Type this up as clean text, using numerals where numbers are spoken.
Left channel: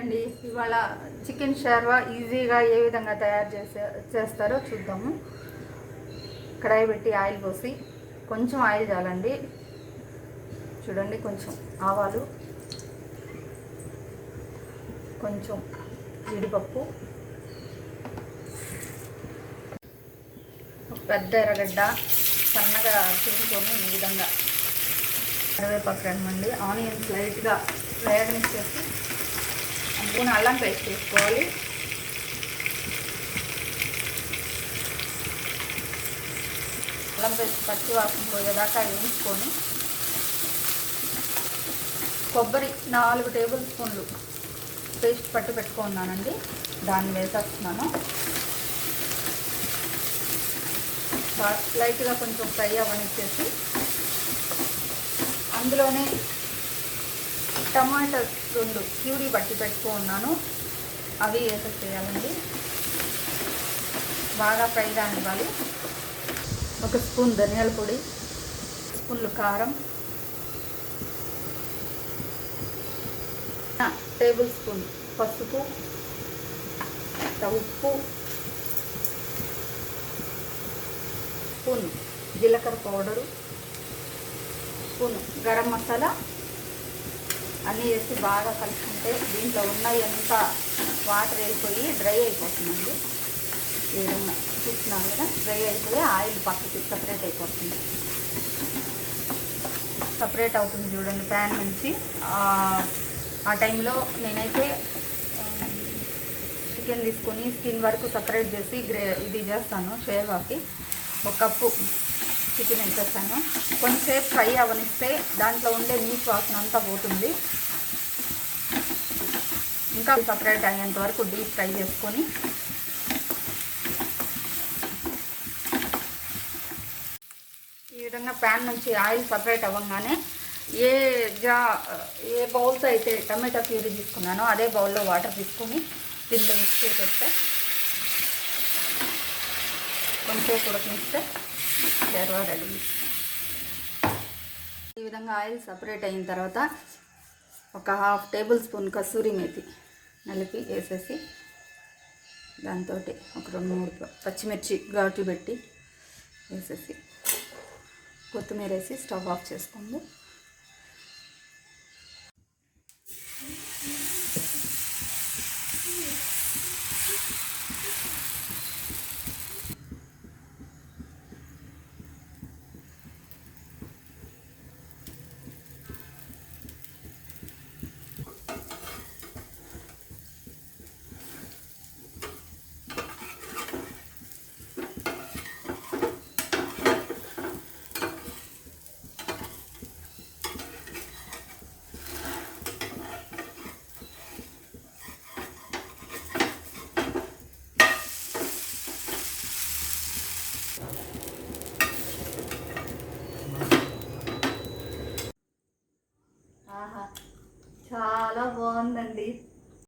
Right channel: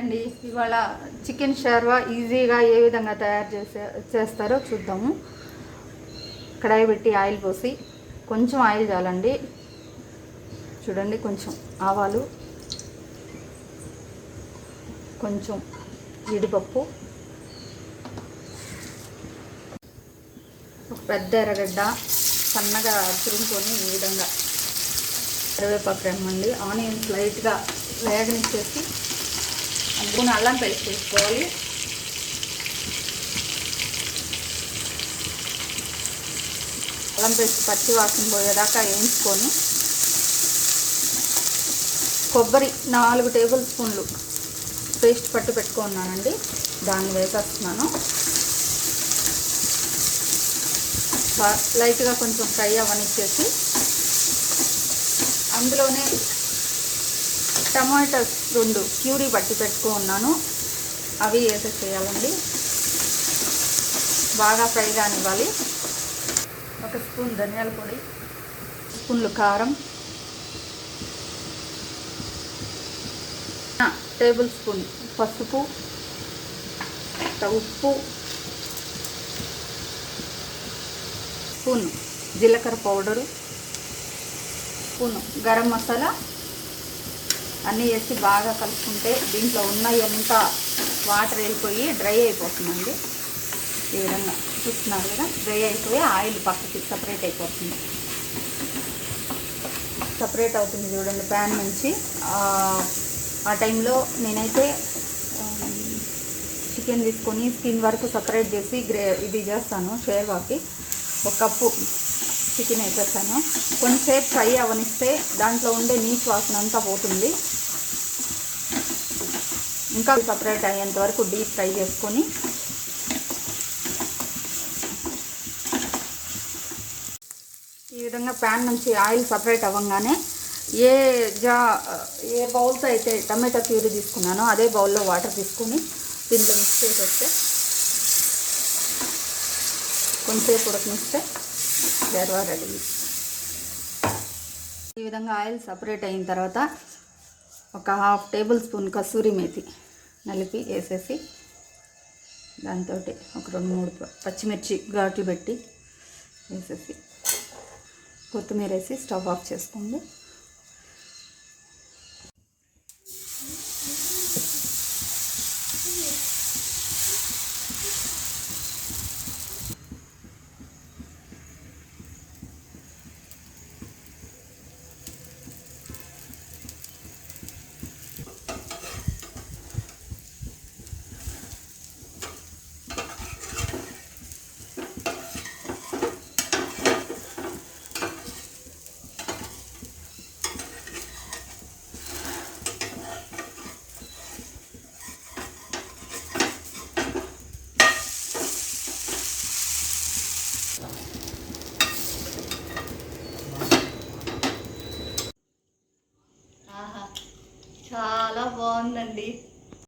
అండి ఇవాళ చికెన్ షార్వా ఈజీగా ఏ విధంగా తయారు చేస్తారో చూద్దాము. కడాయి పెట్టి ఆయిల్ పోసి కొంచెం ఆయిల్ చాలండి. చూడండి, కొంచెం ఆవాలు, కొంచెం జీడిపప్పు, ఒక పెద్ద ఎర్రగడ్డ సన్నగా తురుముకొని ఈ విధంగా కరివేపాకు రమ్మండి. ఆనియన్స్ లైట్గా వేగనిచ్చేసి అందుకుని అల్లం పేస్ట్ వేసుకోవాలి. అల్లం పేస్ట్ పచ్చి వాసన పోయేదాకా వేయించుకొని కొబ్బరి 4 టేబుల్ స్పూన్లు పేస్ట్ పట్టు పెట్టుకున్నానండి, దాన్ని వేసేస్తున్నాను. లైట్గా కొంచెం ఫ్రై అవ్వనిచ్చేసి అందులోనే టమాటాస్ 2 ప్యూరీ పట్టి పెట్టుకున్నాను, అవి వేసేసేయాలండి. బాగా ఫ్రై కానివ్వాలి. 1 స్పూన్ ధనియాల పొడి, స్పూన్లు కారం, టేబుల్ స్పూన్ పసుపు, ఉప్పు, స్పూన్ జీలకర్ర పౌడరు, స్పూన్ గరం మసాలా అన్నీ వేసి బాగా కలుపుకుంటే దీంట్లో ఉన్నంతా వాటర్ వెళ్ళిపోయి డ్రై అయిపోతుందండి. ఈ విధంగా చూస్తున్నాను కదా, డ్రై అయిపోయి ఆయిల్ పక్కకి సపరేట్ అయిపోతుంది. సపరేట్ అవుతుంది చూడండి ప్యాన్ నుంచి. ఆ టైంలో నేనైతే చికెన్ తీసుకొని స్కిన్ వరకు సపరేట్ చేసి ఇది చేస్తాను. షేర్వాకి 1 కప్పు చికెన్ వేసేస్తాను. కొంచెంసేపు ఫ్రై అవనిస్తే దాంట్లో ఉండే నీచు వాసన అంతా పోతుంది. ఇంకా సపరేట్ అయ్యేంత వరకు డీప్ ఫ్రై చేసుకొని ఈ విధంగా ప్యాన్ నుంచి ఆయిల్ సపరేట్ అవ్వగానే ఏ బౌల్తో అయితే టమాటా ప్యూరీ తీసుకున్నానో అదే బౌల్లో వాటర్ తీసుకొని దీంట్లో మిక్స్ చేసేస్తే కొంచెంసేపు ఉడకనిస్తే షార్వా రెడీ. ఈ విధంగా ఆయిల్ సపరేట్ అయిన తర్వాత ఒక 1/2 టేబుల్ స్పూన్ కసూరి మేతి నలిపి వేసేసి దాంతో ఒక 2-3 పచ్చిమిర్చి ఘాటు పెట్టి వేసేసి కొత్తిమీర వేసి స్టవ్ ఆఫ్ చేసుకోండి.